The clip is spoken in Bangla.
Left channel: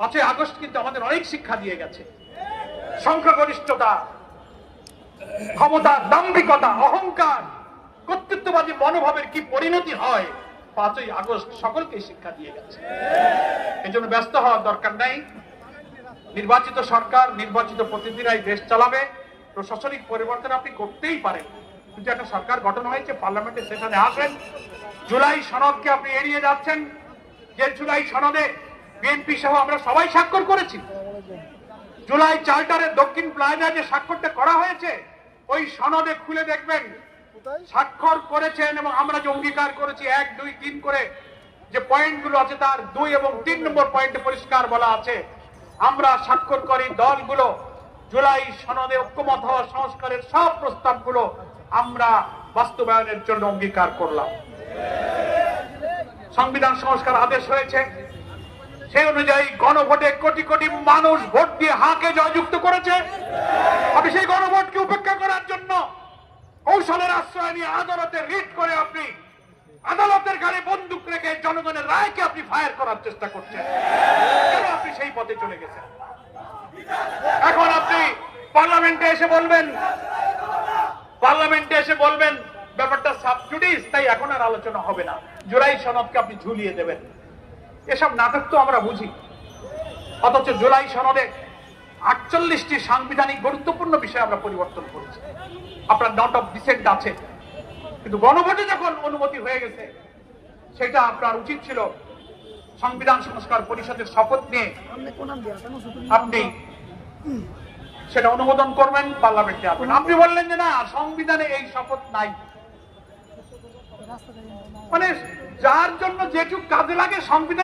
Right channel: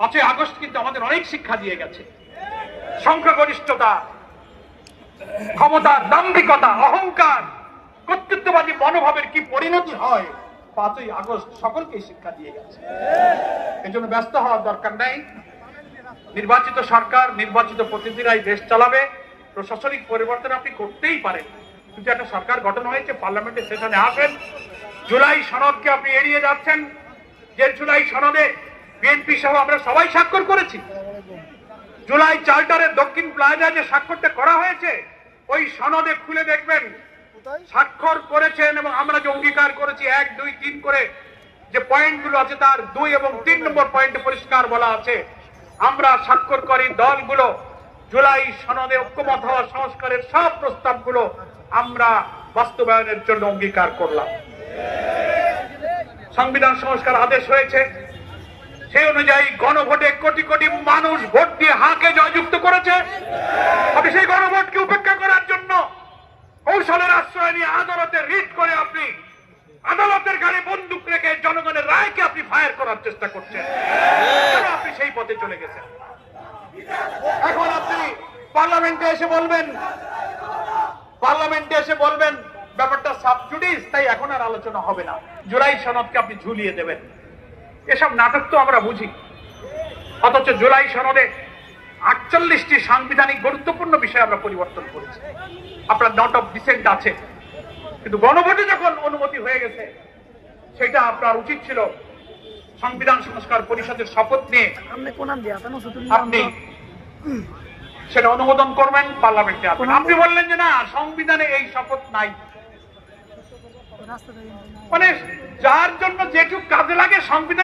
5ই আগস্ট কিন্তু আমাদের অনেক শিক্ষা দিয়ে গেছে। সংখ্যাগরিষ্ঠতা, ক্ষমতা, দাম্ভিকতা, অহংকার, কর্তৃত্ববাদী মনোভাবের কি পরিণতি হয় 5ই আগস্ট সকলকে শিক্ষা দিয়ে গেছে। এজন্য ব্যস্ত হওয়ার দরকার নাই। নির্বাচিত সরকার, নির্বাচিত প্রতিনিধিরাই দেশ চালাবে। প্রশাসনিক পরিবর্তন আপনি করতেই পারেন, কিন্তু একটা সরকার গঠন হয়েছে, পার্লামেন্টের সেশনে আসেন। জুলাই সনদকে আপনি এড়িয়ে যাচ্ছেন, যে জুলাই সনদে বিএনপি সহ আমরা সবাই স্বাক্ষর করেছি। জুলাই চার্টারের দক্ষিণ প্লাজা যে স্বাক্ষরটা করা হয়েছে, ওই সনদে খুলে দেখবেন স্বাক্ষর করেছেন এবং আমরা যে অঙ্গীকার করেছি 1, 2, 3 করে যে পয়েন্টগুলো আছে, তার 2 এবং 3 নম্বর পয়েন্টে পরিষ্কার বলা আছে আমরা স্বাক্ষরকারী দলগুলো জুলাই সনদে ঐক্যমত হওয়া সংস্কারের সব প্রস্তাবগুলো আমরা বাস্তবায়নের জন্য অঙ্গীকার করলাম। সংবিধান সংস্কার আদেশ হয়েছে, সেই অনুযায়ী গণভোটে কোটি কোটি মানুষ ভোট দিয়ে হাকে জয়যুক্ত করেছে। আপনি সেই গণভোটকে উপেক্ষা করার জন্য কৌশলের আশ্রয় নিয়ে আদালতে রিট করে আপনি আদালতের গাড়ি বন্দুক রেখে জনগণের রায়কে আপনি ফায়ার করার চেষ্টা করছেন। আপনি সেই পথে চলে গেছেন। এখন আপনি পার্লামেন্টে এসে বলবেন ব্যাপারটা সাবজুডিস, তাই এখন আর আলোচনা হবে না, জুলাই সনদকে আপনি ঝুলিয়ে দেবেন। এসব নাটক তো আমরা বুঝি, অথচ জুলাই সনদে 48টি সাংবিধানিক গুরুত্বপূর্ণ বিষয় আমরা পরিবর্তন করেছি। আপনার নট অফ ডিসেন্ট আছে, কিন্তু গণভোটে যখন অনুমতি হয়ে গেছে, সেটা আপনার উচিত ছিল সংবিধান সংস্কার পরিষদের শপথ নিয়ে আপনি সেটা অনুমোদন করবেন, পার্লামেন্টে আসবেন। আপনি বললেন যে না, সংবিধানে এই শপথ নাই। মানে যার জন্য যেটুকু কাজে লাগে সংবিধান